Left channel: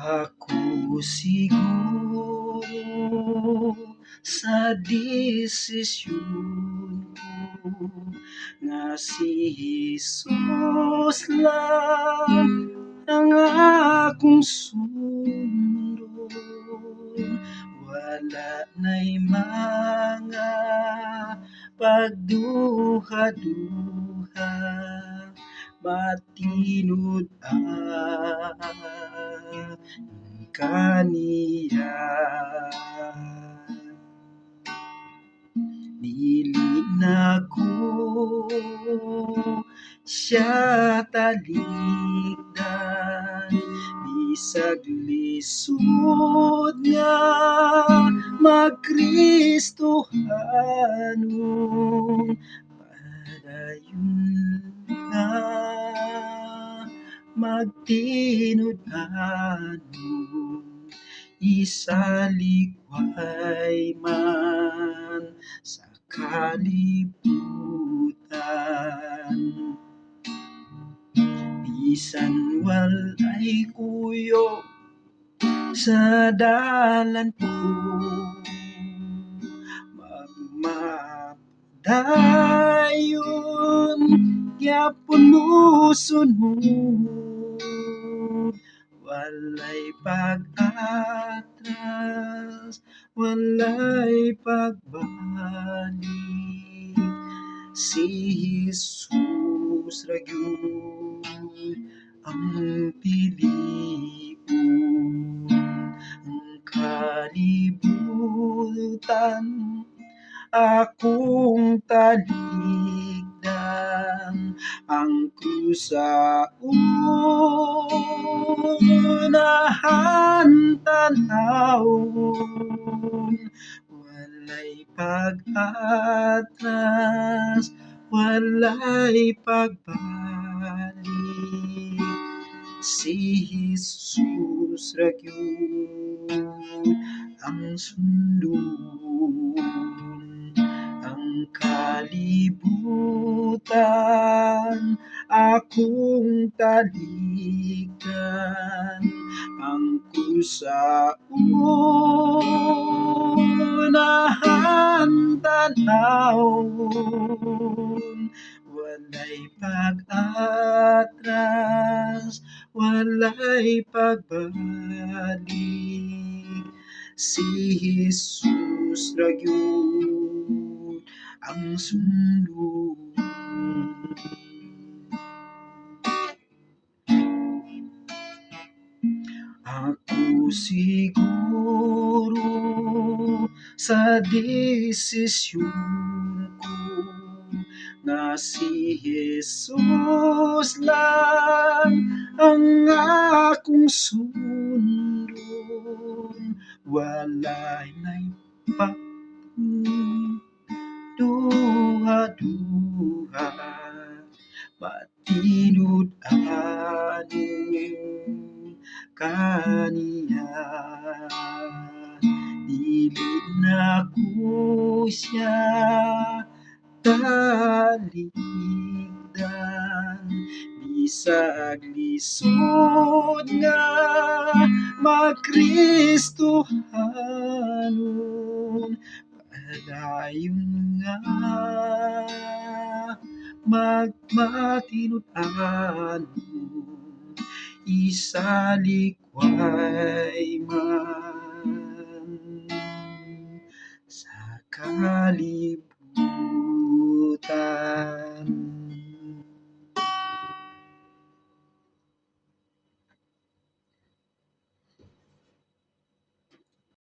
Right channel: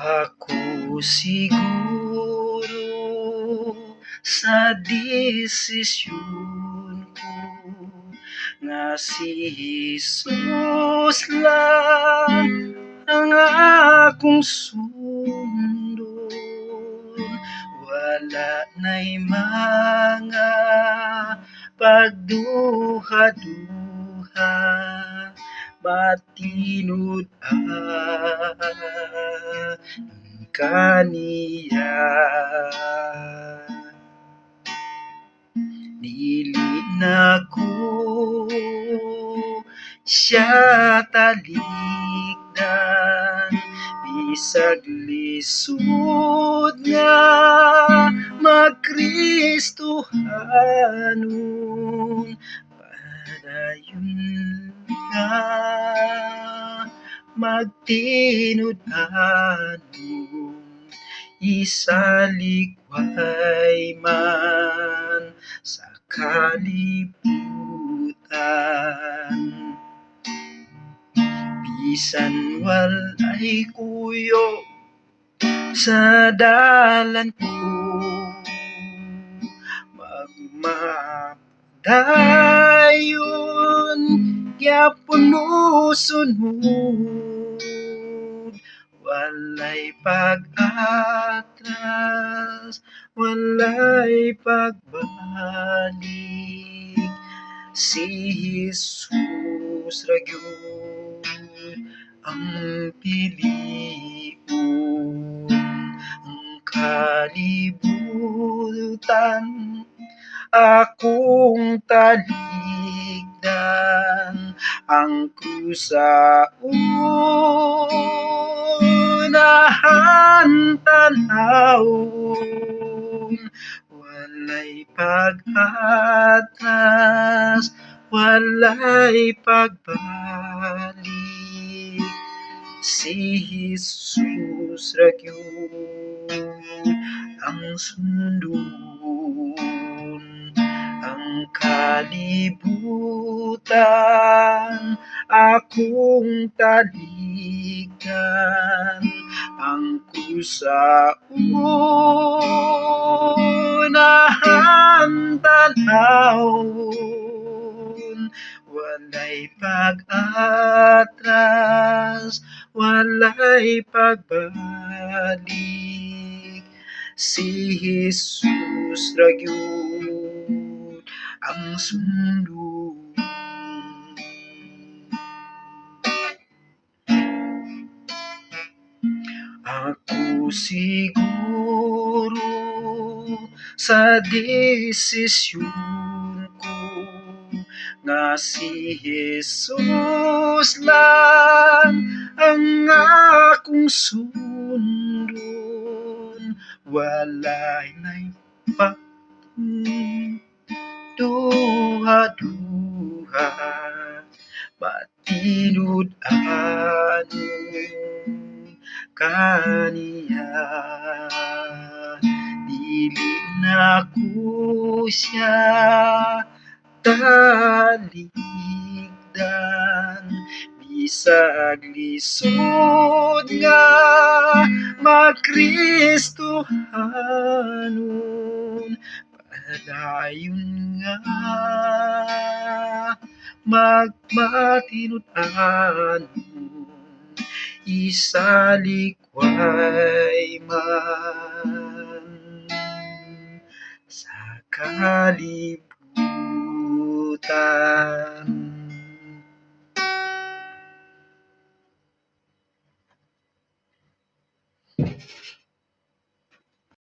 Ako siguro sa desisyon ko na si Jesus lang ang akong sundon. Wala na'y mga pagduha-duha, matinod kaniya. Dili na ko siya talikdan, bisag lisod nga magkristohanon. Padayon nga magtinud-anon, isalikway man sa kalibutan. Bisan walay kuyo sa dalan ko, magmadayon gyapon mo sunod. Walay pag-atras, walay pagbalik, si Jesus ra gyud ang pilion. Ang kalibutan akong talikdan, ang krusa unahan tanawon. Walay pag-atras, walay pagbalik, si Jesus ra gyud ang sundon. Ang kalibutan akong talikdan, ang krusa unahan tanawon. Walay pag-atras, walay pagbalik, si Jesus ra gyud ang sundon. Ako siguro sa desisyon ko na si Jesus lang ang akong sundon. Walay na'y duha-duha, matinud-anon kaniya. Dili na ko siya talikdan, bisag lisod nga magkristohanon. Padayon nga magmatinud-anon, isalikway man sa kalibutan.